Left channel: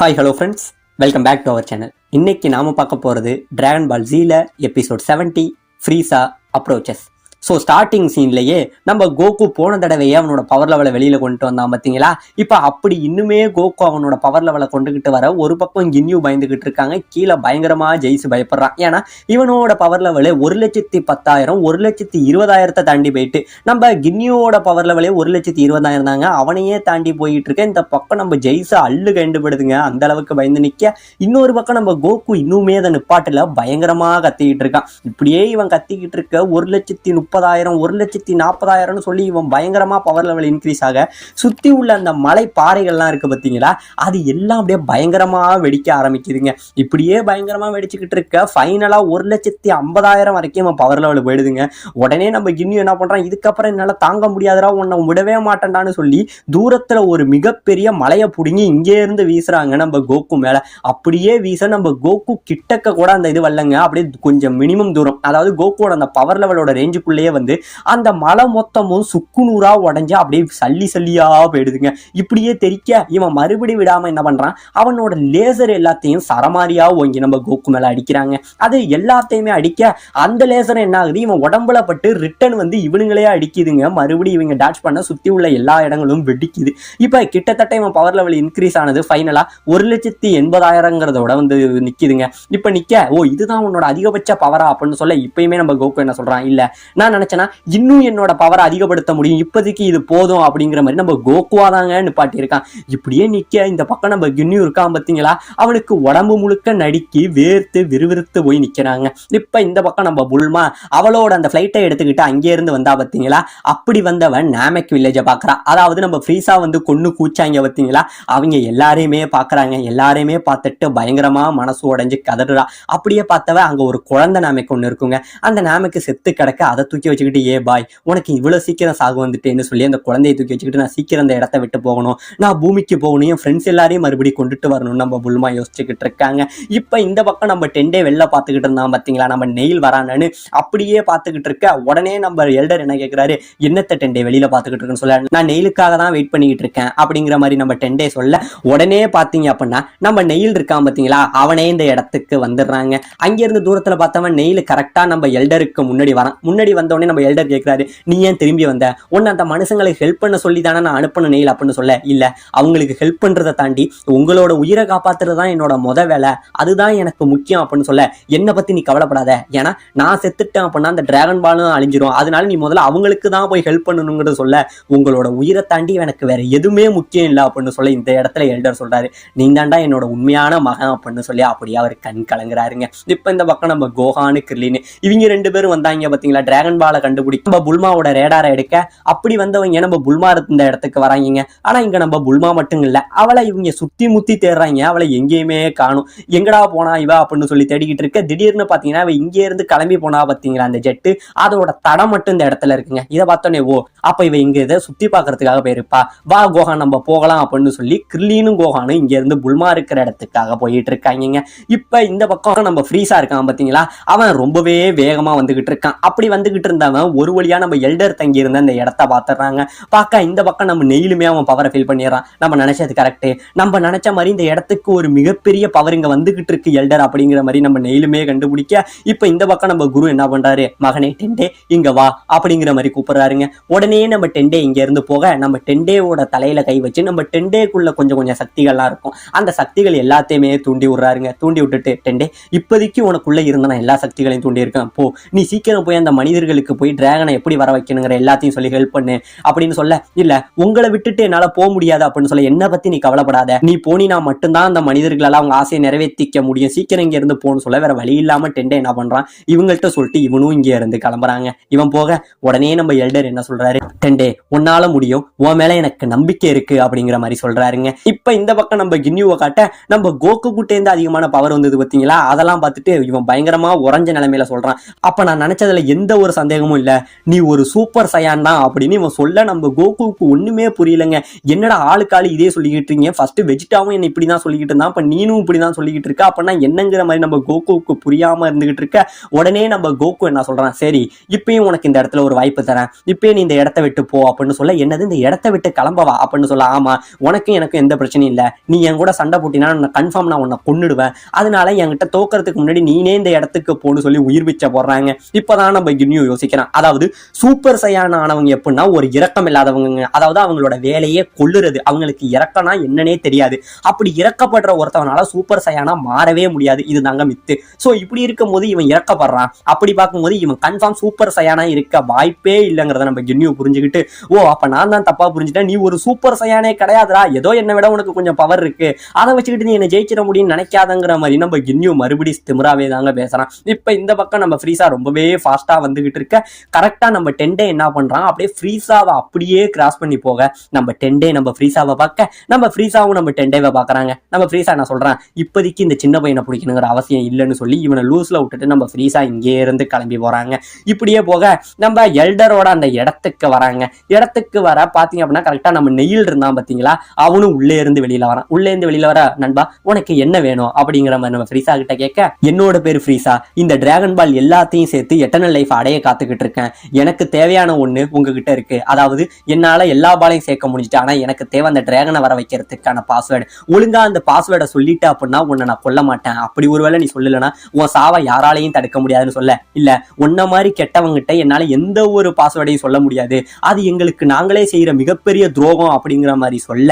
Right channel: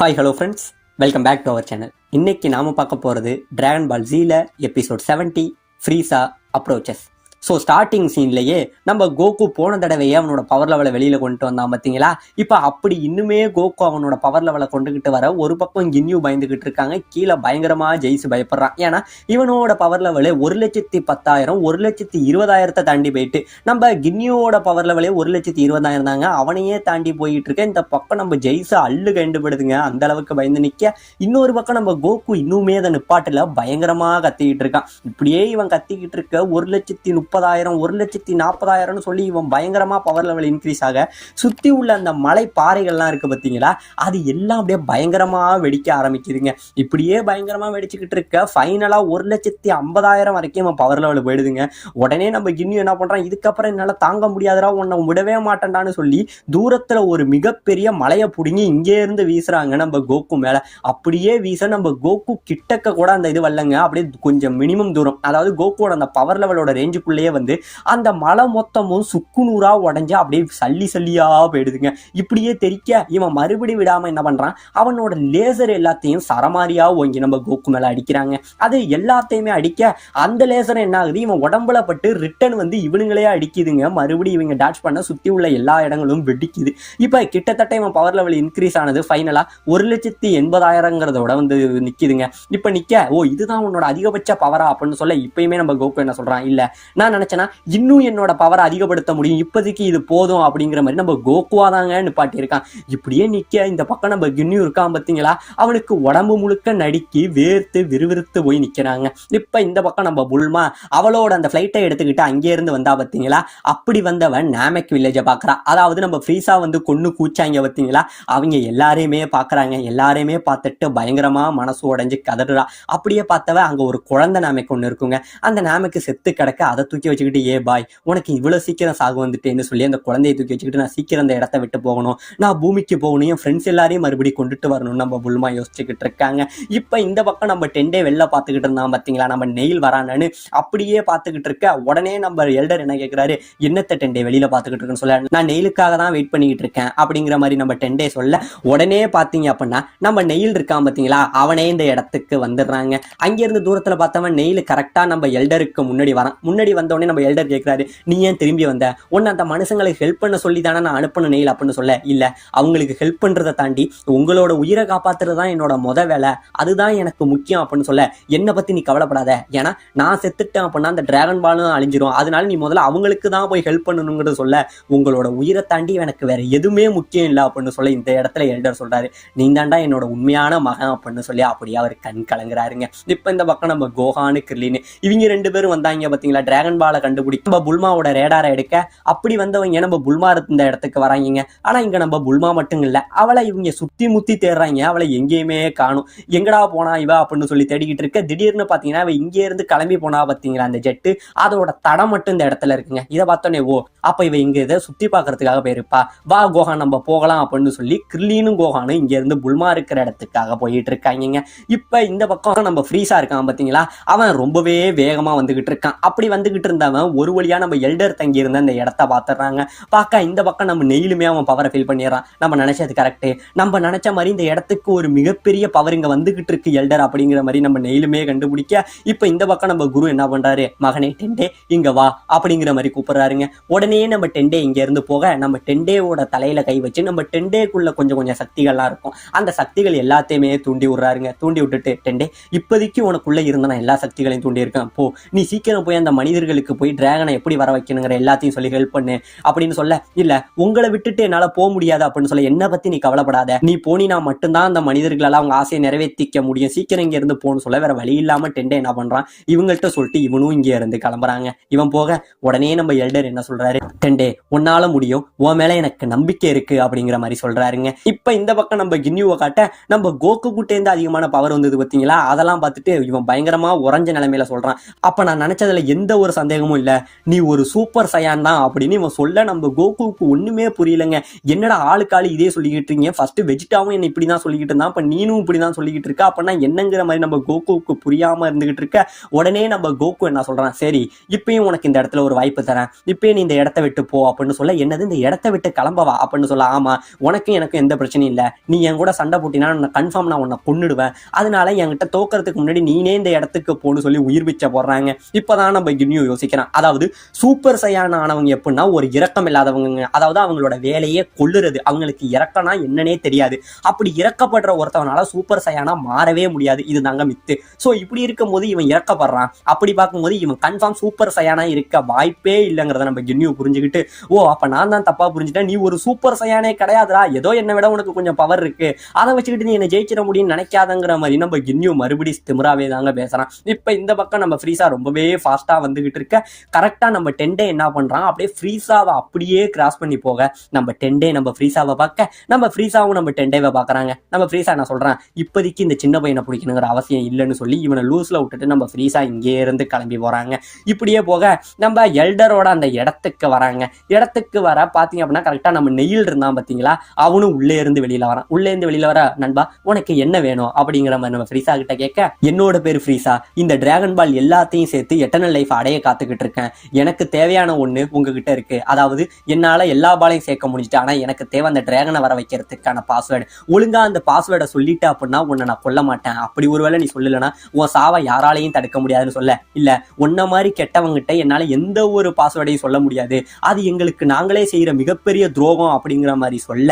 Hi hello friends, welcome back to our channel. இன்னைக்கு நாம பார்க்க போறது டிராகன் பால் ஜீல episode 70 Frieza approaches. So starting சீன்லயே நம்ம கோகு போன தடவையே அவனோட பவர் லெவலை வெளியில கொண்டு வந்தான் பார்த்தீங்களா. இப்போ அப்படி இன்னுமே கோகு அவனோட பவர் லெவலை கொண்டுகிட்டு வர ஒரு பக்கம் கின்யூ பயந்துகிட்டு இருக்காங்க, கீழே பயங்கரமா ஜெயிச்சு பயப்படுறான். ஏன்னா இவனோட பவர் லெவலே 1,10,000 1,20,000 தாண்டி போயிட்டு, நம்ம கின்யூவோட பவர் லெவலே 1,20,000 தாங்க, அவனையே தாண்டி போயிட்டு இருக்க. இந்த பக்கம் நம்ம ஜெயிச்சு அள்ளு கண்டுபிடுதுங்க, அந்த அளவுக்கு பயந்து நிக்க. இன்னொரு பக்கம் நம்ம கோகு இன்னுமே அதை நிப்பாட்டுல பயங்கரமா கத்திக்கிட்டு இருக்கான். இப்படியே இவன் கத்திக்கிட்டு இருக்க 1,30,000 1,40,000 சொல்லி இவன் பயங்கரமா பவர் லெவல் இன்க்ரீஸ் ஆக சுத்தி உள்ள அந்த மலை பாறைகள்லாம் இருக்கு பார்த்தீங்களா, அது எல்லாம் அப்படியே பயங்கரமா வெடிக்க ஆரம்பிக்குதுங்க. இப்படியே பயங்கரமா வெடிச்சுக்கிட்டு இருக்க ஃபைனலா 1,50,000 வரைக்கும் இவன் பவர் லெவல் போயிடுதுங்க. உடனே நம்ம கின்யூ என்ன பண்றான், இதுக்கப்புறம் என்னால தாங்க முடியாதுடா, உன்னை விடவே மாட்டேன்டான்னு சொல்லி தூரத்துல ஒரு மிகப்பெரிய மலையை புடுங்கி இங்கே இருந்து வீசுறாங்க நம்ம கோகு மேல. அப்படியே வீச நம்ம கோகு கிட்டக்க கூட அந்த இது வரலங்க, அப்படியே கொஞ்சம் மினிமம் தூரம், அதாவது கோகுவோட அந்த பவர் லெவலோட ரேஞ்சுக்குள்ளேயே வந்து அந்த மலை மொத்தமும் சுக்குநூறா உடஞ்சு அப்படியே சல்லி சல்லியா போயிடுதுங்க. இப்படியே தெரிக்க இவன் மறுபடி விடாம என்ன பண்றான், அவனோட லேசர் எல்லாத்தையும் சரமாரியா ஓங்கி நம்ம கோகு மேல அடிக்கிறாங்க. அது எல்லாத்தையுமே அடிக்க அந்த லேசர் என்ன ஆகுது, இவன் உடம்புல பட்டு ரிட்டர்ன் வந்து இவனுங்களே அடிக்குதுங்க. மறுபடியும் இவங்க டாச் பண்ண சுத்தி உள்ள எல்லா இடங்களும் வெடிக்குது. இப்ப கிட்டத்தட்ட இவன் பவர் லெவல் இன்க்ரீஸ் ஆனது ஃபைனலா 1,80,000 வந்து நிக்குதுங்க. இப்ப நிக்க, ஓ இதுதான் உன்னோட அதிகபட்ச பவரா அப்படின்னு சொல்ல, இப்பயுமே நம்ம கோகு என்ன சொல்றான், இல்ல நான் நினைச்சேன்னா இன்னும் என்னோட பவரை அதிகப்படுத்த முடியும், இப்போதைக்கு இது போதும் அப்படிங்கிற மாதிரி நம்ம கோகுவாதாங்க நிப்பாட்டி இருக்கான். இப்படியே நிக்க இந்த பக்கம் நம்ம கின்யூ இருக்கான் பார்த்தீங்களா, அவனுக்கு உடம்பு முழுக்க நடுக்கி வேர்த்து விறுவிறுத்து போய் நிக்கிறாங்க. இப்ப இந்த பக்கம் நம்ம புல்மா அவளோட அந்த பிளைட்டை எடுத்துக்கிட்டு அங்கே இருந்து வந்தா பார்த்தீங்களா, அப்படி வந்தவன் நாமெக் வில்லேஜை பாக்குறா. அதாவது நம்ம ஃப்ரீசா வந்து கொன்னு கூச்சாங்க பார்த்தீங்களா, அவங்க எல்லாரையுமே பாக்குறாங்க. எல்லாரையுமே பார்த்துட்டு பயங்கரமா மனசு உடைஞ்சு கதறா. அப்படியே பார்த்தவ அங்க ஒரு குழந்தை நாமெக் ஒண்ணு இருக்குங்க, அந்த நாமெக்கு செத்து கிடக்க அதை தூக்கி வச்சுக்கிட்டு, ஏ பாய் உனக்கு இவ்வளவு சீக்கிரம் சாகு வந்துட்டேன்னு சொல்லி அந்த குழந்தையை தூக்கி வச்சுக்கிட்டு, நான் சீக்கிரம் அந்த இடத்த விட்டு போகணும், நான் பூமிக்கு போகணும், என் ஃப்ரெண்ட்ஸ் எல்லாரையும் மறுபடியும் கொண்டுட்டு வரணும் நம்ம புல்மா யோசிச்சுக்கிட்டு இருக்காங்க. இப்ப இந்த பக்கம் நம்ம டெண்டே வெளில பார்த்துக்கிட்டு இருந்தான் பார்த்தீங்களா, நம்ம நெயில் வரானு அப்படியே பார்த்துக்கிட்டு இருக்க. உடனே நம்ம எல்டர் என்ன கேட்கிறாரு, என்னத்த டெண்டே வெளியில பார்த்துக்கிட்டு இருக்குன்னு சொல்ல, நான் நெயிலுக்காக தான் வெயிட் பண்ணிக்கிட்டு இருக்கேன் அப்படிங்கிற மாதிரி நம்ம டெண்டே சொல்ல, உடனே பார்த்தீங்க அப்படின்னா நம்ம நெயில் இருக்கான் பார்த்தீங்களா, அவனே இந்த இடத்துக்கு வந்துடுறாங்க. அங்கிருந்து தூரத்துல பார்த்தவன் நெயில் கரெக்டா நம்ம எல்டருக்கு முன்னாடி வரான். முன்னாடி வந்தோடனே நம்ம எல்டர் கேட்கிறாரு, நீ ஏன் திரும்பி வந்த, உன்னை அந்த மனுஷங்களுக்கு ஹெல்ப் பண்ண சொல்லி தானே நான் அனுப்பின நெயில் அப்படின்னு சொல்ல, இல்ல அவங்களுக்கு ஹெல்ப் பண்றதை தாண்டி உங்களோட உயிரை காப்பாத்துறது தான் என்னோட முத வேலை, அதுதான் எனக்கு முக்கியம் அப்படின்னு சொல்ல, என்னை பத்தி நீ கவலைப்படாத, ஏன்னா நான் செத்துட்டேன் அப்படின்னா அந்த டிராகன் பாலும் அழிஞ்சிரும், அதனால நீ முதல்ல அவங்களுக்கு தான் போய் ஹெல்ப் பண்ணணுங்கிறத சொல்ல, உங்களோட உயிரை தாண்டி எனக்கு வேற எதுவுமே முக்கியம் இல்லை அப்படின்னு சொல்ல, இந்த இடத்துல எல்டர் சொல்றாரு, நீ தாண்டா என்னோட உண்மையான மகன் அப்படின்னு சொல்லி அப்படியே அவர் கண் கலங்குறாருங்க. இப்ப இந்த பக்கம் நம்ம கோஹானு கிர்லின்னு இவங்க 2 பேரும் வந்தாங்க பாத்தீங்களா, டிராகன் பாலை கண்டுபிடிக்க நம்ம புல்மாவோட ரேடாரை எடுக்க. அப்படி வந்தவங்க நம்ம புல்மா இந்த இடத்துக்கு வராங்க. ஆனா இங்க நம்ம புல்மா மட்டும் இல்ல, அவளை இவங்க சுத்தி முத்தி தேடுறாங்க, அவளை எங்கேயுமே காணும். எங்கடா போனா இவ அப்படின்னு சொல்லி தேடிக்கிட்டு இருக்க. திடீர்னு பாத்தீங்கன்னா அவ இங்கே இருந்து கிளம்பி போனா பாத்தீங்களா அந்த ஜெட்டு, அதோட தடம் மட்டும் இந்த இடத்துல இருக்குங்க. இதை பார்த்தோன்னே, ஓ அப்ப இவ இங்க இதை சுத்தி பாக்குறதுக்காக போயிருப்பா, வா கோஹான் நம்ம போகலாம் அப்படின்னு சொல்லி கிர்லீனும் கோஹானும் இங்க இருந்து புல்மா இருக்கிற இடத்துக்காக போயிட்டு இருக்காங்க. இப்ப இந்த பக்கம் நம்ம ஃப்ரீசா இருக்கான் பாத்தீங்களா, அவன் ரொம்பவே வேகமா வந்துகிட்டு இருக்கான். அப்படி வந்துகிட்டு இருந்தவன் ஒரு வழியா நம்ம எல்டர் தங்கி இருந்த அந்த இடத்த பாத்துறாங்க. பார்க்க இந்த பக்கம் நம்ம நெயிலுமே அவன் பவரை ஃபீல் பண்ணிடுறான். நம்ம நினைச்சது கரெக்ட், நம்ம நினைச்ச மாதிரி இந்த இடத்துக்கு ஒரு மிகப்பெரிய பவர் இங்க வந்துகிட்டு இருக்கு எல்டர் அப்படிங்கிற மாதிரி நம்ம நெயிலுமே கண்டுபிடிக்க. இப்ப இந்த பக்கம் நம்ம குரு என்ன பண்றாரு, மகனே டெண்டே இங்க வா அப்படிங்கிற மாதிரி கூப்பிடுறாருங்க. உடனே நம்ம டெண்டே இங்க இருந்து போக, நம்ம டெண்டேவோட தலையில கை வச்சு நம்ம டெண்டேக்குள்ள கொஞ்சம் கொஞ்சம் சக்திகள்லாம் இருக்கும், அந்த சக்திகள் எல்லாத்தையுமே தூண்டி விடுறாருங்க. தூண்டி விட்டுட்டு, டெண்டே இப்போதைக்கு உனக்குள்ள இருந்த நான் எல்லா சக்திகளையும் தூண்டி இருக்கேன், போ நீ சீக்கிரம் போய் அந்த மனிதர்களுக்கு போய் டிராகனை எப்படி வர வைக்கணுங்கிற எல்லாத்தையும் சொல்லி ஹெல்ப் பண்ணு அப்படின்னு சொல்ல, இல்ல உங்களை விட்டுட்டு என்னால போக முடியாது அப்படின்னு சொல்ல, என்ன பத்தி நீ கவலைப்படாத, நீ போனினா மட்டும்தான் அந்த மனிதர்களால அவங்க ஆசையை நிறைவேற்றிக்க முடியும், சீக்கிரம் இங்க இருந்து போன்னு சொல்ல, வேற வழி இல்லாம டெண்டே என்ன பண்றான், இவங்கள்ட்ட சொல்லிட்டு இவனும் இங்க இருந்து கிளம்புறாங்க. இவன் போக உடனே நம்ம எல்டர் என்ன சொல்றாரு, டெண்டே உன்னால முடியும், உன் மேல எனக்கு நம்பிக்கை இருக்கு அப்படிங்கிற மாதிரி சொல்றாருங்க. இப்ப இந்த பக்கம் நம்ம கின்யூவை காட்ட, நம்ம கோகு கிட்டே இருந்து அதிகமான பவர் வந்தது பாத்தீங்களா, அதெல்லாம் பார்த்துட்டு இவன் பயங்கரமா உறைஞ்ச நிலைமையில சொல்றான், அப்ப நான் நினைச்சதுல எந்த ஒரு சந்தேகமும் இல்ல, நீ ஒரு சூப்பர் சயான் தான் அப்படின்னு இவன் சொல்ல நம்ம கோகுவுக்கு ஒண்ணுமே புரியலங்க. என்னடா ஆளுக்கு ஆளு இதே சொல்லிக்கிட்டு இருக்கீங்க, ஃபர்ஸ்ட் வெஜிடாவும் என்ன இப்படிதான் சொல்லிக்கிட்டு இருந்தான், அப்ப நீனும் இப்படிதான் சொல்லிக்கிட்டு இருக்க, அப்படின்னா என்னங்கிற மாதிரி நம்ம கோகுவுக்கு புரியாம இருந்துகிட்டு இருக்க. உடனே நம்ம கோகு என்ன சொல்றான், சரி இப்பயும் உனக்கு இந்த இடத்துல ஒரு வாய்ப்பு தரேன், இப்பயே நீ இந்த இடத்த விட்டு போ அப்படின்னு சொல்ல, என்னது இந்த இடத்த விட்டு கிளம்பவா அப்படின்னு சொல்ல, ஆமா உனக்கும் எனக்கும் எந்த பிரச்சனையும் இல்ல, நீ என் கூட சண்டை போட்டினா கன்ஃபார்ம் நான் உன்னை கொன்னுடுவேன், அதனால என்கிட்ட தோக்கறதுக்கு முன்னாடி நீனே இந்த இடத்துக்கு போன்னு சொல்லி உயிர் பிச்சை போடுறாங்க. இப்பதான் நம்ம கின்யூ யோசிக்கிறான். அதாவது சூப்பர் சையான் ஆனவங்க எப்படின்னா ஒரு இரக்கம் இல்லாதவங்க, அதாவது அவங்களோட வேலையே கொல்லுறது, அவங்களுக்கு இறக்கம்னா என்னன்னே தெரியாது. அப்படி இறக்கப்படுற ஒருத்தவனால சூப்பர் சையானா மாறவே முடியாது, இது தாங்க மித்து. சோ இப்படி இருக்கும் போது இவன் இறக்கப்படுறான், அப்படி பார்க்கும்போது இவன் கன்ஃபார்ம் சூப்பர் சையானா இருக்க வாய்ப்பே இல்லைங்கிறத நம்ம கின்யூ புரிஞ்சுக்கிட்டு, ஓ அப்ப நான் தான் தப்பா புரிஞ்சுட்டேன், நீ ஒரு சூப்பர் சையானே கிடையாதுடா, ஏதோ என்னை விட உனக்கு கொஞ்சம் பவர் இருக்கு, அதை வச்சுக்கிட்டு நீ என்ன ஜெயிச்சிட முடியும்னு நினைக்காதங்கிற மாதிரி நம்ம கின்யூ மறுபடி திமிராவே தாங்க பேசுறான். இப்ப இந்த பக்கம் நம்ம ஃப்ரீசா ரொம்பவே ஃபாஸ்டா வந்துகிட்டு இருக்க, கரெக்டா நம்ம டென்டே என்ன பண்றான், அப்படியே ஃப்ரீசாவை அப்படியே கிராஸ் பண்ணி போக நம்ம டென்டே நம்ம ஃப்ரீசாவை பார்க்க, நம்ம ஃப்ரீசாவும் நம்ம டென்டேவை பாக்குறாங்க. நம்ம ஃப்ரீசா என்ன சொல்றான், இப்போதைக்கு இந்த சின்ன பையனை பிடிக்கணுங்கிற அவசியம் இல்லைன்னு சொல்லி இவனை லூஸ்ல விட்டுட்டு நம்ம ஃப்ரீசா இங்கே இருந்து கிளம்பி போறாங்க. இப்படியே போக நம்ம எல்டரோட அந்த இடத்துக்கு வராங்க. இடத்துக்கு வர பாத்தீங்க அப்படின்னா கரெக்டா நம்ம நெயில் இருந்தான் பாத்தீங்களா, அவனும் உள்ளே இருந்து வெளியில வரான். உள்ளே இருந்து வெளியில வர, நண்பா உனக்கு என்ன வேணும் அப்படிங்கிற மாதிரி நம்ம ஃப்ரீசா கிட்ட கேட்க, என்னோட பேரு ஃப்ரீசா, இந்த டிராகன் பால் எல்லாத்தையும் சேர்த்து எட்டர்னல் லைஃப் அடைய காத்துக்கிட்டு இருக்கேன், எனக்கு தேவையான ஒண்ணு உங்ககிட்ட இருக்கு, அதாவது என்னால எல்லா பாலையும் சேர்க்க முடிஞ்சிட்டு, ஆனா எனக்கு தேவை அந்த டிராகனை வர வைக்கிறதுக்கான பாஸ்வேர்டு, ஒழுங்கா அந்த பாஸ்வேர்டை சொல்லிட்டு அப்படின்னா உன்னை நான் கொல்ல மாட்டேன், அப்படி ஒருவேளை நீ சொல்லலன்னா உன் சாவை யாராலையும் தடுக்க முடியாதுன்னு சொல்ல, இல்ல உன்ன மாதிரி கெட்டவங்கிட்ட என்னால எந்த ஒரு பாஸ்வேர்டையும் சொல்ல முடியாது, அது எங்களுக்கு நாங்களே செய்யற மிகப்பெரிய துரோகம் அப்படிங்கிற மாதிரி சொல்ல,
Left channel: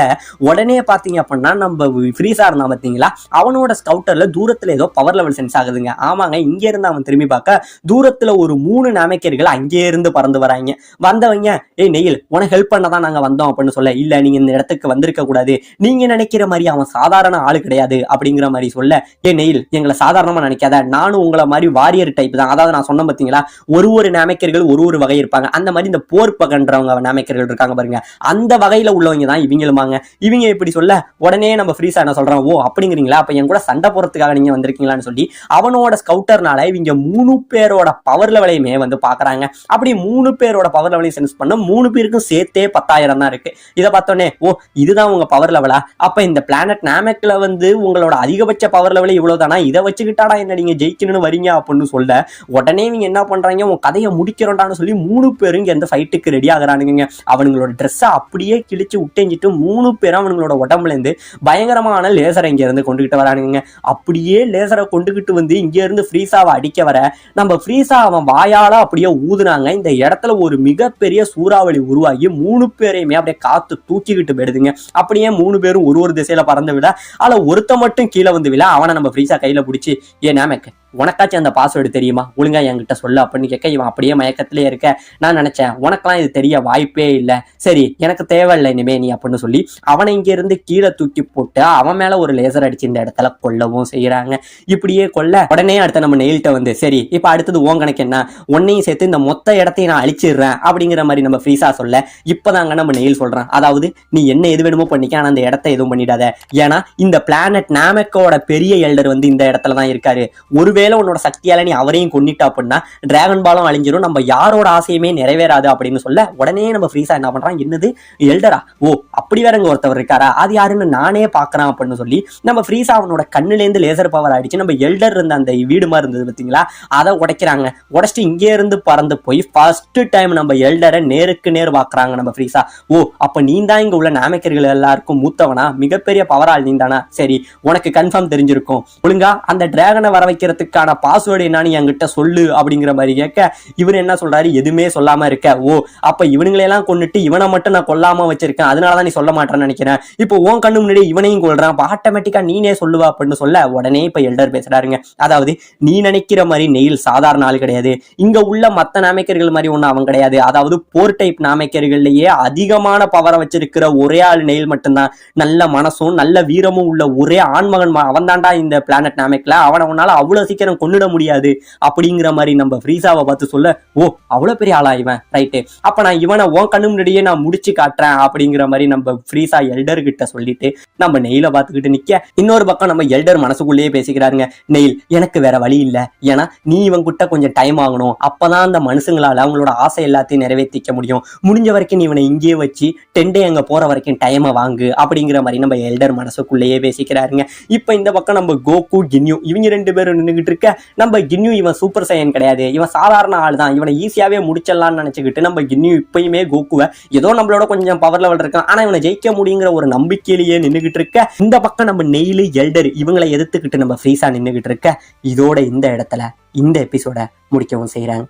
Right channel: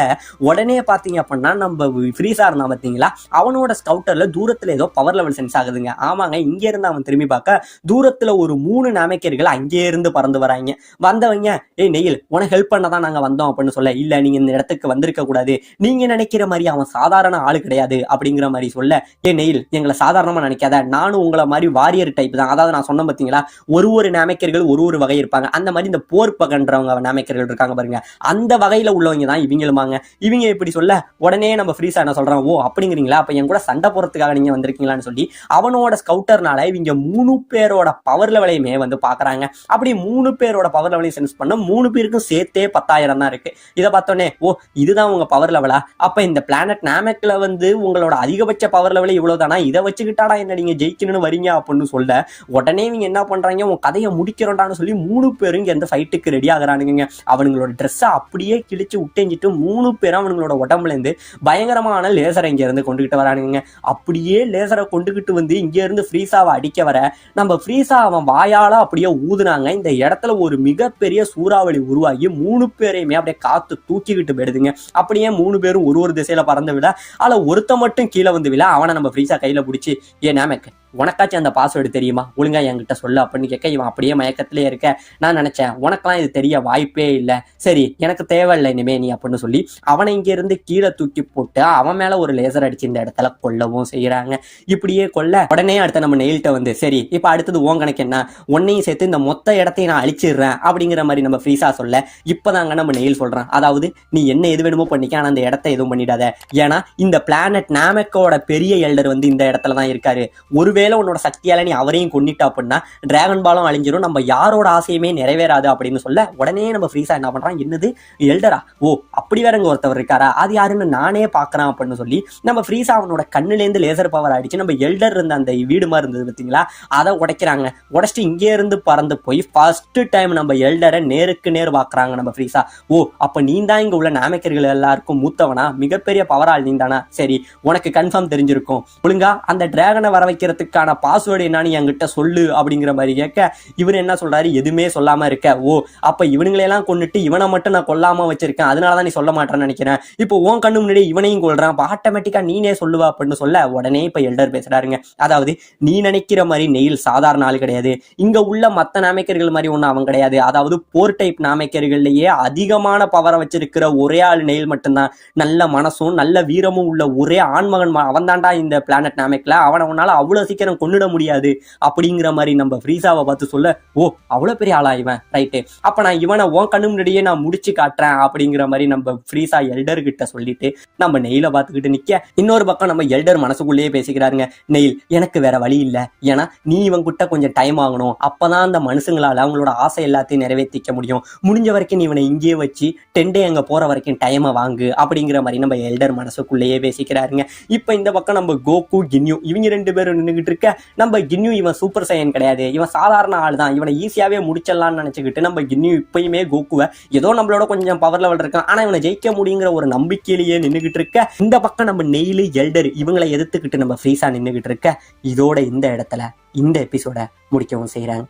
உடனே பாத்தீங்க அப்படின்னா நம்ம ஃப்ரீசா இருந்தா பாத்தீங்களா, அவனோட ஸ்கவுட்டர்ல தூரத்துல ஏதோ பவர் லெவல் சென்ஸ் ஆகுதுங்க. ஆமாங்க, இங்க இருந்து அவன் திரும்பி பார்க்க தூரத்துல ஒரு 3 நாமக்கர்கள் அங்கே இருந்து பறந்து வராங்க. வந்தவங்க, ஏய் நெயில் உனக்கு ஹெல்ப் பண்ணதான் நாங்க வந்தோம் அப்படின்னு சொல்ல, இல்ல நீங்க இந்த இடத்துக்கு வந்திருக்க கூடாது, நீங்க நினைக்கிற மாதிரி அவன் சாதாரண ஆளு கிடையாது அப்படிங்கிற மாதிரி சொல்ல, ஏ நெயில் எங்களை சாதாரணமா நினைக்காத, நானும் உங்களை மாதிரி வாரியர் டைப் தான், அதாவது நான் சொன்ன பாத்தீங்களா ஒரு நாமக்கர்கள் ஒரு வகை இருப்பாங்க, அந்த மாதிரி இந்த போர் பகன்றவங்க நாமக்கர்கள் இருக்காங்க பாருங்க, அந்த வகையில உள்ளவங்க தான் இவங்களுமாங்க. இவங்க இப்படி சொல்ல உடனே நம்ம ஃப்ரீசா என்ன சொல்றான், ஓ அப்படிங்கிறீங்களா, அப்ப என் கூட சண்டை போறதுக்காக நீங்க வந்திருக்கீங்களான்னு சொல்லி அவனோட ஸ்கவுட்டர்னால இவங்க 3 பேரோட பவர் லெவலையுமே வந்து பாக்குறாங்க. அப்படி 3 பேரோட பவர் லெவலையும் சென்ஸ் பண்ண 3 பேருக்கும் சேர்த்தே 10,000 தான் இருக்கு. இதை பார்த்தோன்னே, ஓ இதுதான் உங்க பவர் லெவலா, அப்ப இந்த பிளானட் நாமெக்ல வந்து உங்களோட அதிகபட்ச பவர் லெவலே இவ்வளவுதானா, இதை வச்சுக்கிட்டாடா என்ன நீங்க ஜெயிக்கணும்னு வரீங்க அப்படின்னு சொல்ல, உடனே நீங்க என்ன பண்றாங்க, உங்க கதையை முடிக்கிறோம்டான்னு சொல்லி 3 பேரும் இங்க இந்த ஃபைட்டுக்கு ரெடி ஆகுறானுங்க. அவங்களோட ட்ரெஸ்ஸை அப்படியே கிழிச்சு விட்டெஞ்சிட்டு 3 பேரும் அவங்களோட உடம்புல இருந்து பயங்கரமான லேசரை இங்க இருந்து கொண்டுகிட்டு வரானுங்க. அப்படியே லேசரை கொண்டுகிட்டு வந்து இங்க இருந்து ஃப்ரீசாவை அடிக்க வர, நம்ம ஃப்ரீசா அவன் வாயால அப்படியே ஊதுனாங்க. இந்த இடத்துல ஒரு மிகப்பெரிய சூறாவளி உருவாகி 3 பேரையுமே அப்படியே காத்து தூக்கிக்கிட்டு போயிடுதுங்க. அப்படியே 3 பேரும் ஒரு திசையில பறந்து விட, அதுல ஒருத்த மட்டும் கீழே வந்து விழ, அவனை நம்ம ஃப்ரீசா கையில பிடிச்சி, ஏ நாமேக் உனக்காச்சும் அந்த பாஸ்வேர்டு தெரியுமா, ஒழுங்கா என்கிட்ட சொல்ல அப்படின்னு கேட்க, இவன் அப்படியே மயக்கத்திலே இருக்க, நான் நினைச்சேன் உனக்கெல்லாம் இது தெரிய வாய்ப்பே இல்லை, சரி எனக்கு தேவையில்லை இனிமே நீ அப்படின்னு சொல்லி அவனை இங்க இருந்து கீழே தூக்கி போட்டு அவன் மேல ஒரு லேசர் அடிச்சு இந்த இடத்துல கொல்லவும் செய்யறாங்க. இப்படியே கொல்ல உடனே அடுத்த நம்ம நெயில்ட்ட வந்து, சரி இப்ப அடுத்தது ஓன் கணக்கு என்ன, உன்னையும் சேர்த்து இந்த மொத்த இடத்தையும் நான் அழிச்சிடுறேன் அப்படிங்கிற மாதிரி நம்ம ஃப்ரீசா சொல்ல, இப்பதாங்க நம்ம நெயில் சொல்றான், அதாவது நீ என்ன எது வேணுமோ பண்ணிக்க, ஆனா அந்த இடத்த எதுவும் பண்ணிடாத, ஏன்னா இந்த பிளானட் நாமெக்கோட பெரிய எல்டர் வந்து இந்த இடத்துல தான் இருக்காரு, ஒருவேளை உன்னோட சக்தியால நீ அவரையும் கொன்னிட்டா அப்படின்னா டிராகன் பாலும் அழிஞ்சிரும், நம்ம யாரோட ஆசையுமே நிறைவேறாது அப்படின்னு சொல்ல, உடனே நம்ம ஃப்ரீசா என்ன பண்றான், என்னது எல்டரா, ஓ அப்படி வேற இங்க ஒருத்தவர் இருக்காரா, அது யாருன்னு நானே பாக்குறான் அப்படின்னு சொல்லி நம்ம ஃப்ரீசா அவனோட கண்ணுல இருந்து லேசர் பவர் அடிச்சு நம்ம எல்டர் இருந்த அந்த வீடு மாதிரி இருந்தது பாத்தீங்களா, அதை உடைக்கிறாங்க. உடைச்சிட்டு இங்கே இருந்து பறந்து போய் ஃபர்ஸ்ட் டைம் நம்ம எல்டரை நேருக்கு நேர் பாக்குறாங்க நம்ம ஃப்ரீசா. ஓ அப்ப நீ தான் இங்க உள்ள நாமக்கர்கள் எல்லாருக்கும் மூத்தவனா, மிகப்பெரிய பவரால் நீ தானா, சரி உனக்கு கன்ஃபார்ம் தெரிஞ்சிருக்கும், ஒழுங்கா அந்த டிராகனை வர வைக்கிறதுக்கான பாஸ்வேர்டு என்னன்னு என்கிட்ட சொல்லு அப்படிங்கிற மாதிரி கேட்க, இவர் என்ன சொல்றாரு, எதுவுமே சொல்லாம இருக்க, ஓ அப்ப இவனுங்களெல்லாம் கொண்டுட்டு இவனை மட்டும் நான் கொல்லாம வச்சிருக்கேன், அதனாலதான் நீ சொல்ல மாட்டேன்னு நினைக்கிறேன், இப்போ உன் கண்ணு முன்னாடி இவனையும் கொள்றான், ஆட்டோமேட்டிக்கா நீனே சொல்லுவா அப்படின்னு சொல்ல, உடனே இப்ப எல்டர் பேசுறாருங்க, அதாவது நீ நினைக்கிற மாதிரி நெயில் சாதாரண ஆள் கிடையாது, இங்க உள்ள மத்த நாமக்கர்கள் மாதிரி ஒண்ணு அவன் கிடையாது, அதாவது போர் டைப் நாமக்கர்கள்லயே அதிகமான பவரை வச்சிருக்கிற ஒரே ஆள் நெயில் மட்டும்தான், நல்ல மனசும் நல்ல வீரமும் உள்ள ஒரே ஆண்மகன் அவன் தாண்டா இந்த பிளானட் நாமக்கல, அவனை உன்னால அவ்வளவு சீக்கிரம் கொன்னுட முடியாது அப்படிங்கிற மாதிரி நம்ம ஃப்ரீசாவை பார்த்து சொல்ல, ஓ அவ்வளவு பெரிய ஆளா இவன், ரைட்டு, அப்ப நான் இவனை உன் கண்ணு முன்னாடியே நான் முடிச்சு காட்டுறேன் அப்படிங்கிற மாதிரி நம்ம ஃப்ரீசா எல்டர் கிட்ட சொல்லிட்டு நம்ம நெயில பார்த்துக்கிட்டு நிக்க, இன்னொரு பக்கம் நம்ம எல்டர் மனசுக்குள்ளேயே பேசிக்கிறாருங்க, நெயில் எனக்கு வேற வழி இல்ல, ஏன்னா நீ இவன் கிட்ட கொஞ்சம் டைம் ஆகணும், அப்பதான் அந்த மனுஷங்களால அவங்களோட ஆசை எல்லாத்தையும் நிறைவேற்றிக்க முடியும், முடிஞ்ச வரைக்கும் நீ இவனை இங்கேயே வச்சு டெண்டே அங்க போற வரைக்கும் டைமை வாங்கு அப்படிங்கிற மாதிரி நம்ம எல்டர் மனசுக்குள்ளேயே பேசிக்கிறாருங்க. இப்ப இந்த பக்கம் நம்ம கோகு கின்யூ இவங்க 2 பேரும் நின்றுகிட்டு இருக்க, நம்ம கின்யூ இவன் சூப்பர் சையன் கிடையாது, இவன் சாதாரண ஆள் தான், இவனை ஈஸியாவே முடிச்சிடலாம்னு நினைச்சுக்கிட்டு நம்ம கின்யூ இப்பயுமே கோகுவை ஏதோ நம்மளோட கொஞ்சம் பவர் லெவல் இருக்கான், ஆனா இவனை ஜெயிக்க முடியுங்கிற ஒரு நம்பிக்கையிலேயே நின்றுகிட்டு இருக்க, இந்த பக்கம் நம்ம நெயில் எல்டர் இவங்களை எதிர்த்துக்கிட்டு நம்ம ஃப்ரீசா நின்றுகிட்டு இருக்க. இதோட இந்த இடத்துல இந்த எபிசோட முடிக்கவும் செய்யறாங்க.